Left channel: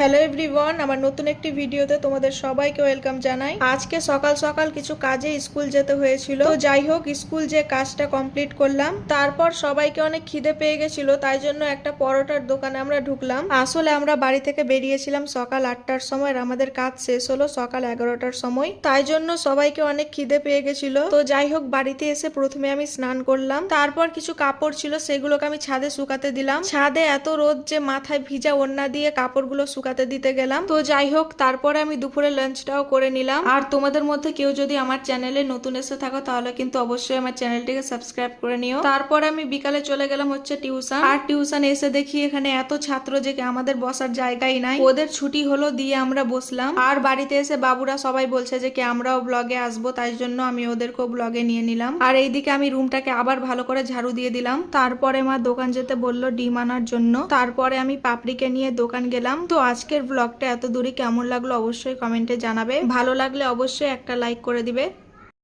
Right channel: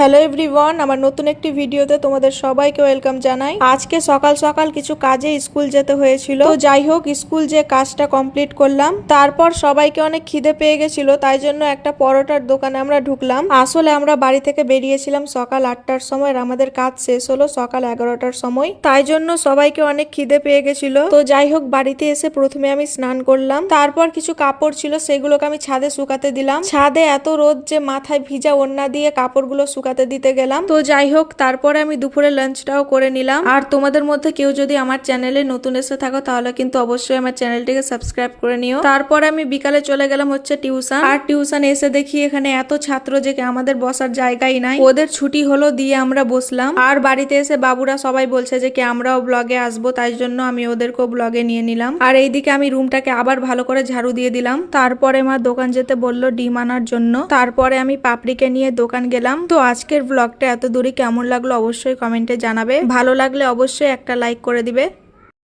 Hello everyone, আমার নতুন একটি ভিডিওতে তোমাদের সবাইকে ওয়েলকাম জানাই। আজকে সকাল সকাল কিছু কাজে স্কুল যেতে হয়েছিল, তো যাই হোক স্কুল যে কাজটা কমপ্লিট করলাম। তারপর সবাইকে অনেক খিদে পেয়ে গেছিল, তাই জন্য একটা পরোটার দোকানে আমরা ঢুকলাম। আসলে আমরা বাড়ি থেকে বেরিয়েছিলাম সকাল 8টার সময়, আর আমাদের কাজ শেষ হলো সকাল 11টার সময়, তাই জন্য সবাইকে অনেক খিদে পেয়ে গেছিল। তো যাই হোক বাড়িতে এসে প্রথমে আমি স্নান করলাম, তারপর কিছু কাপড় ছিল সেগুলোকে আমি ছাদে শুকাতে দিলাম। ছাদে এত রোদ যে মাথায় ভিজা ওড়না দিয়ে কাপড়গুলো শুকাতে দিতে গেলাম। তো যাই হোক তারপরে আমি দুপুরে লাঞ্চটাও করে নিলাম। আর তোমাদের মধ্যে কেউ যদি আমার চ্যানেলে নতুন এসে থাকো তাহলে কিন্তু অবশ্যই আমার চ্যানেলটিকে সাবস্ক্রাইব করে নিও। তারপরে আমি বিকালে চলে গেলাম হচ্ছে টিউশন। আর টিউশন এসে দেখি এখানে এত ছাত্র যে আমাদের বসার জায়গাই নাই। ওদের ছুটি হলো দিয়ে আমরা বসলাম। আর বাড়িতে এসে বাবুরা সবাই বলছে যে আমরাও ব্লগে আসবো, তাই জন্য আমি ওদেরকেও ব্লগে নিয়ে নিলাম। আর এইদিকে আমি রুমটাকে আবার ভালো করে ঝাড়ু দিয়ে দিলাম। তারপরে মা দোকান যেতে বললো ডিম আনার জন্য। তারপরে আমি পাপড়িকে নিয়ে দোকান গেলাম। তো আজকের ব্লগটা এত দূরে কেমন লাগলো অবশ্যই কমেন্টে জানাবে। ভালো লাগলে অবশ্যই একটা লাইক করে দিবে।